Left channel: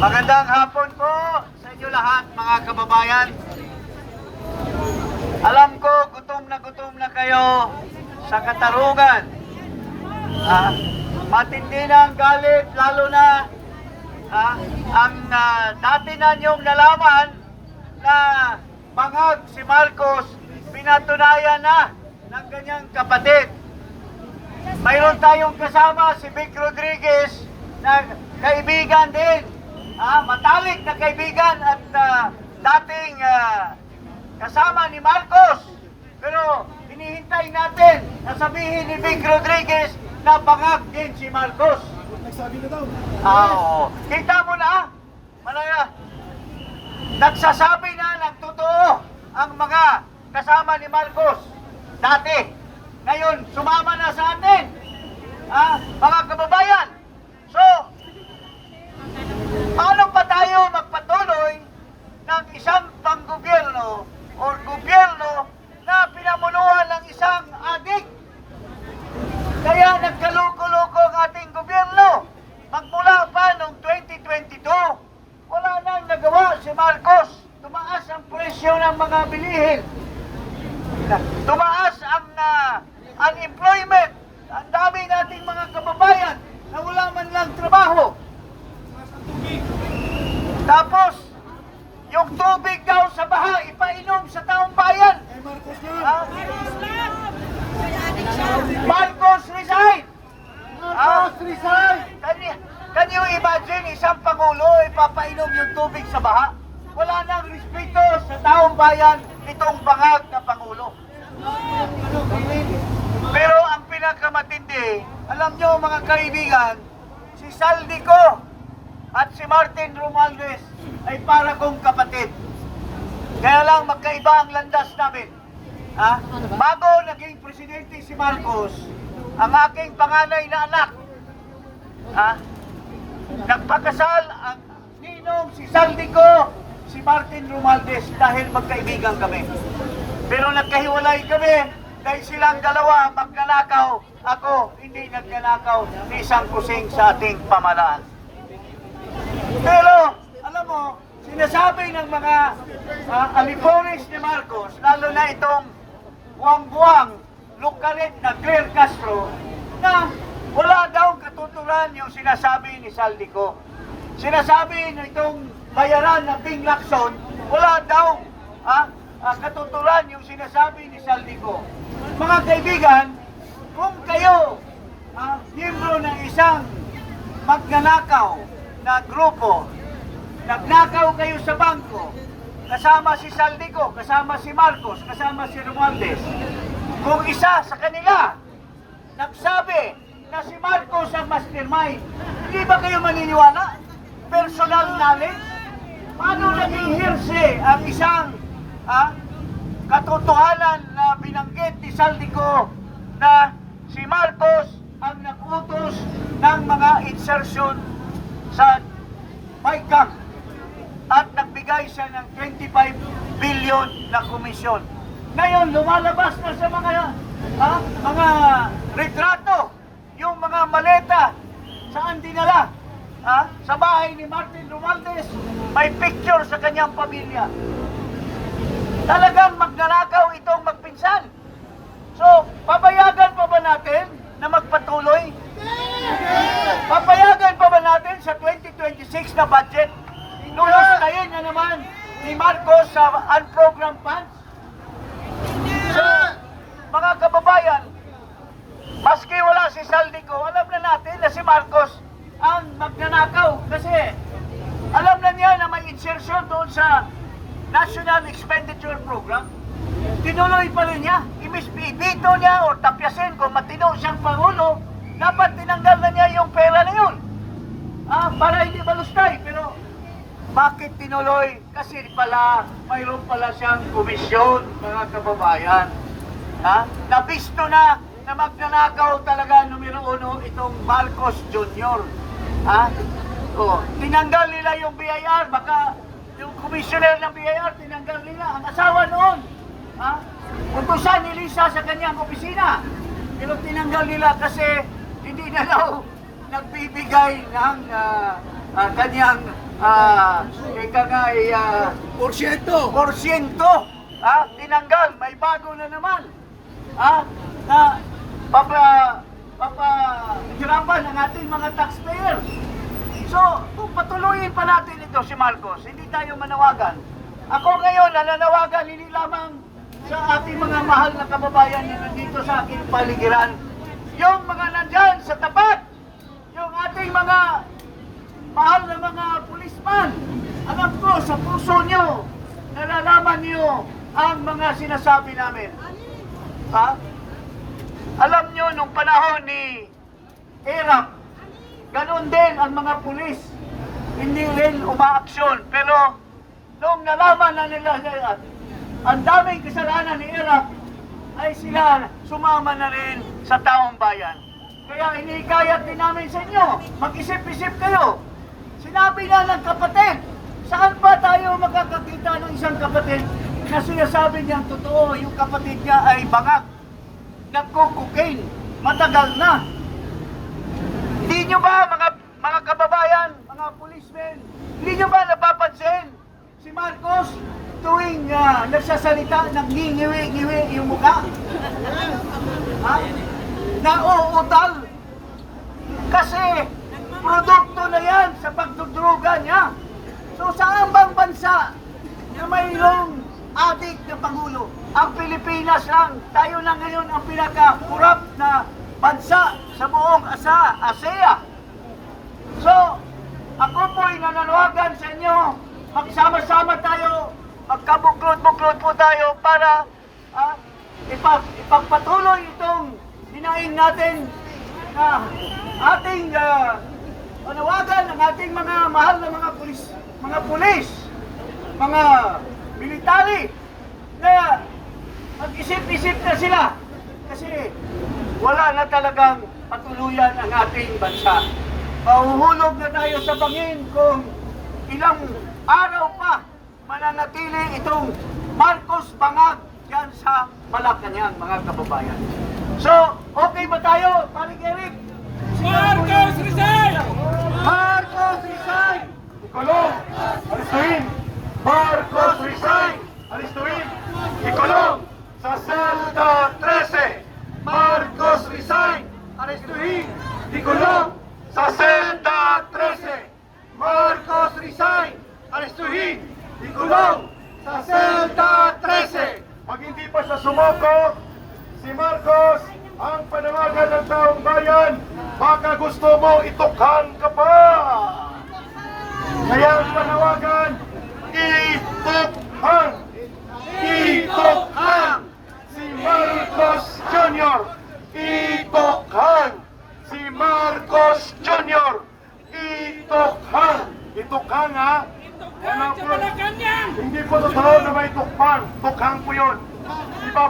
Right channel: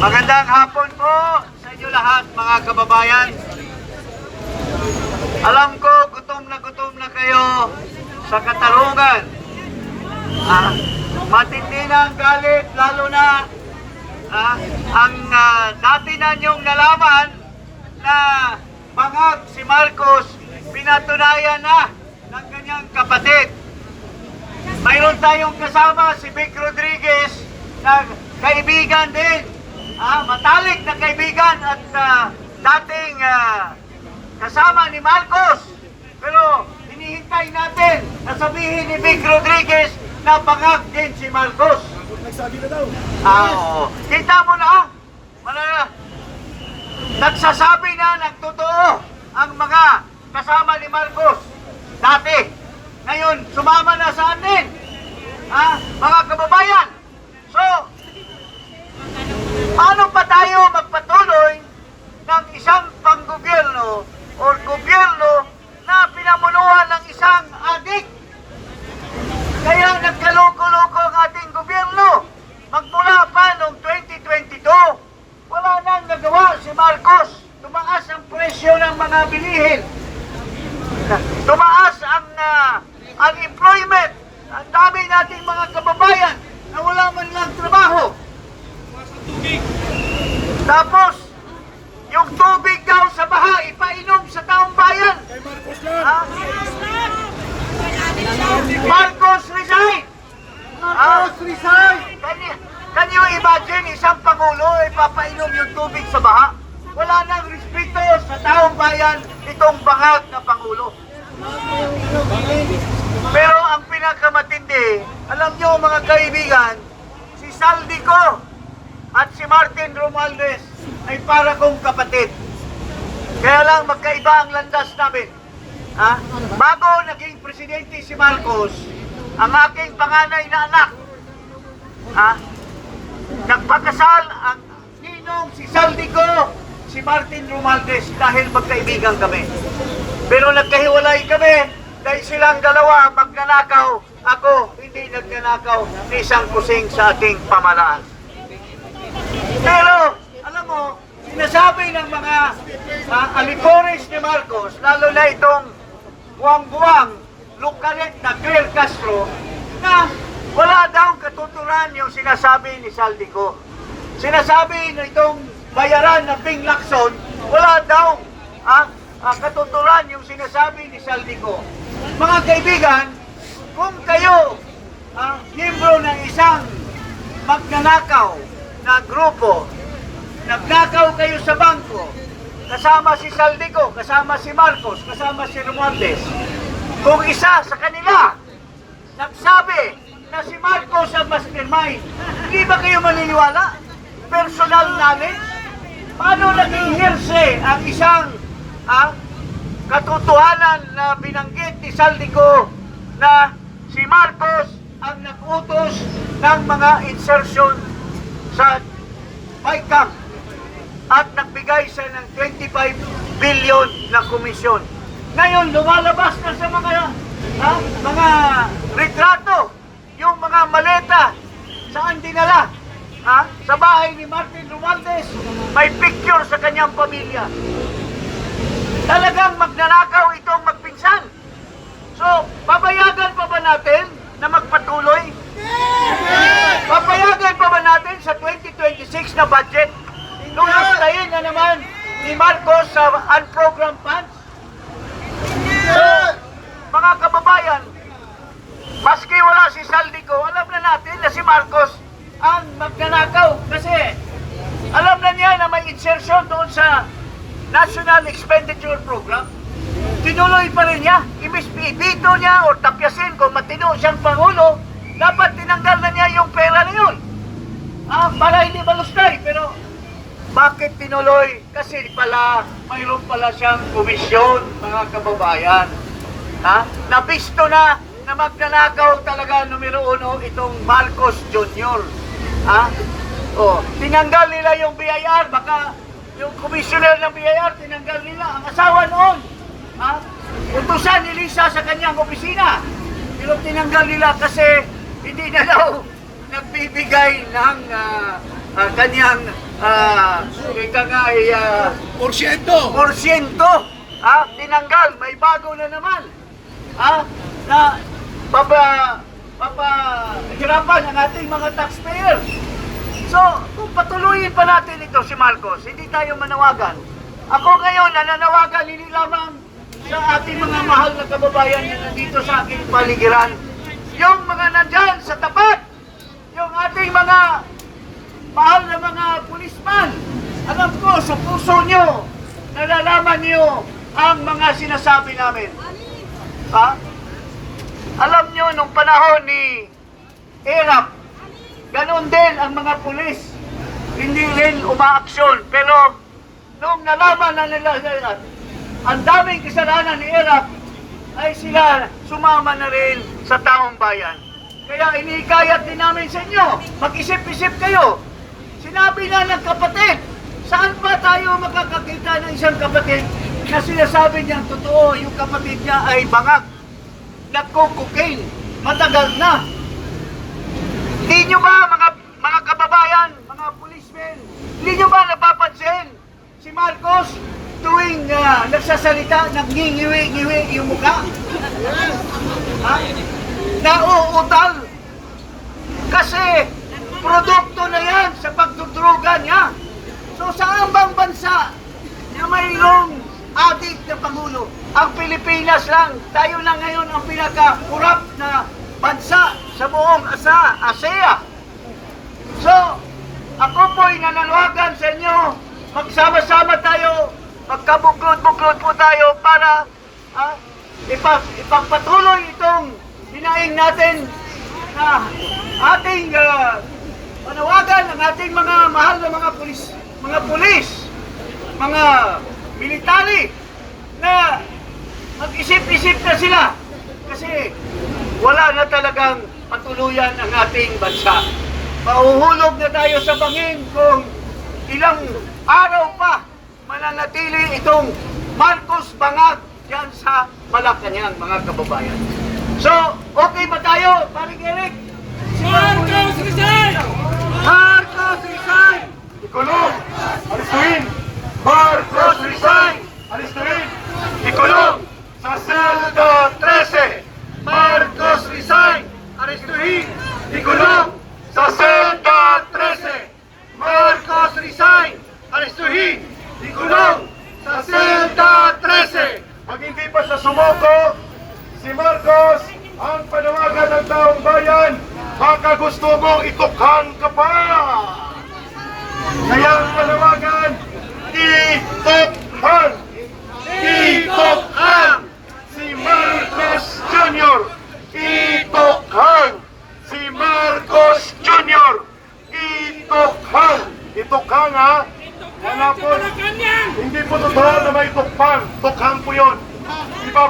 Magandang hapon po sa inyo lahat, mga kababayan. Alam ko, gutom na kayo sa katarungan. Matindi na ang galit, lalo na ang dati na niyong nalaman na bangag si Marcos, pinatunayan na ng kanyang kapatid. Mayroon tayong kasama si Vic Rodriguez na kaibigan din, matalik na kaibigan at dating kasama ni Marcos. Pero hinihintay natin na sabihin ni Vic Rodriguez na bangag din si Marcos. Nagsabi na daw. Oo. Kita mo na, nagsasabi na ng totoo ang mga kasama ni Marcos dati. Ngayon, sumama na sa atin, mga kababayan. So, paano pa tayo magpatuloy ng isang panggobyerno o gobyerno na pinamunuan ng isang adik? Kaya nagkaloko-loko ang ating gobyerno. Magmula pa noong 2022, wala nang nagawa si Marcos. Tumaas ang presyo ng mga bilihin. Tumaas ang unemployment. Ang dami nating mga kababayan na wala man lang trabaho. Tapos, yung tubig daw sa baha, ipainom sa taong bayan. Marcos resign! Marcos resign! Can you imagine isang pangulo ipapainom yung tubig sa baha? Wala nang respeto sa taong bayan itong bangag na pangulo. Pero ang pinakamatindi, alam nyo mga kaibigan, si Saldico at si Martin Romualdez ay para kong kapatid. Kaya lang magkaiba ang landas namin. Bago naging presidente si Marcos, ang aking panganay na anak, nagpakasal ang ninong si Saldico, si Martin Romualdez dahil magkaibigan kami. Pero nagkahiwalay kami dahil silang dalawa magnanakaw. Ako hindi nagnanakaw ni isang kusing sa ating pamalaan. Pero alam mo, sinasabi ng mga alikoris ni Marcos, lalo na itong buwang-buwang lukalit na Claire Castro, na wala daw katuturan yung sinasabi ni Saldico. Sinasabi na itong bayaran ng Bing Lacson, wala daw katuturan yung sinasabi ni Saldico. Mga kaibigan, kung kayo miyembro ng isang magnanakaw na grupo, nagnakaw kayo sa bangko, kasama si Saldico, kasama si Marcos, kasama si Romualdez, kung isa sa kanila nagsabi na si Marcos ang mastermind, hindi ba kayo maniniwala? Personal knowledge? Paano naging hearsay ang isang katotohanan na binanggit ni Saldico na si Marcos ang nag-utos ng mga insertion sa PAICAM at nagbigay siya ng 25 billion na komisyon. Ngayon, lumalabas na sa mga retrato, yung mga maleta, saan dinala? Sa bahay ni Martin Romualdez, may picture sa kanyang pamilya. Talagang magnanakaw itong magpinsan. So, papayagan pa ba natin na magpatuloy? Papayagan pa ba natin sa 2026 na budget? Lulustayin na naman ni Marcos sa unprogrammed funds? So, mga kababayan, maski wala si Saldico, alam na natin na si Marcos ang magnanakaw. Kasi alam na niya na may insertion doon sa National Expenditure Program. Tinuloy pa rin niya. Imbis ibito niya o tapyasin kung matino siyang pangulo, dapat tinanggal na niya yung pera na yun. Para hindi malustay. Pero bakit tinuloy? Kasi pala, mayroon pala siyang komisyon, mga kababayan. Nabisto na magnanakaw talaga numero 1 itong Marcos Jr. Tinanggal nila yung BIR, baka yung commissioner ng BIR, tinanggal nila ang asawa noon. Utusan ni Lisa sa kanyang opisina. Pero tinanggal nila kasi hindi na daw nagbibigay ng kanyang ika nga ay porsyento, tinanggal, may bago na naman, na papahirapan ang ating mga taxpayer. So, kung patuloyin pa natin ito si Marcos, hindi tayo manawagan. Ako ngayon, nananawagan hindi lamang sa ating mga mahal na kababayan na nandito sa aking paligiran. Yung mga nandyan sa tapat, yung ating mga mahal na mga pulisman, alam ko sa puso nyo, nalalaman nyo ang mga sinasabi namin. Alam nyo, nung panahon ni Erap, ganun din ang mga pulis. Hindi rin umaaksyon. Pero nung nalaman na nila ang daming kasalanan ni Erap, ay sila sumama na rin sa taong bayan. Kaya inikayat din namin sa inyo, mag-isip-isip kayo. Sinabi na ng kapatid, saan pa tayo makakakita ng isang kapatid na sinasabi niyang totoo, yung kapatid niya ay bangag, nagko-cocaine, matagal na. Hindi nyo ba mga kababayan, mga policemen, hindi nyo ba napapansin si Marcos tuwing nagsasalita, nag-ngiwi-ngiwi yung mukha? Nauutal. Kasi produkto na yan sa pagdudruga niya. So saan bang bansa na mayroong adik na Pangulo? Ang Pilipinas lang. Tayo lang ngayon ang pinaka-corrupt na bansa sa buong ASEA. So, ako po'y nananawagan sa inyo, magsama-sama tayo, magkabuklod-buklod po tayo para ipagpatuloy itong hinaing natin na ating panawagan ng ating mga mahal na mga pulis, mga military, na mag-isip-isip na sila kasi wala na talagang patuluyan ang ating bansa. Mahuhulog na tayo sa bangin kung ilang araw pa mananatili itong Marcos bangag yan sa Malacanang, mga kababayan. So, okay ba tayo, Paring Eric? Marcos resign! Marcos resign! Ikulong! Alistuin! Marcos resign! Alistuin! Ikulong! Sa Selda 13! Marcos resign! Alistuin! Ikulong! Sa Selda 13! Marcos resign! Alistuin! Ikulong! Sa Selda 13! Pag hindi pa sa sumuko, si Marcos ang panawagan ng taong bayan, baka gusto mo itukhan ka pa. Kaya ang panawagan, itukhan! Itukhan! Si Marcos Jr. Itukhan! Si Marcos Jr. Itukhan! Itukhan, ha? Wala po. Hindi po totoo na may tukhan. Tukhan po yun. Iba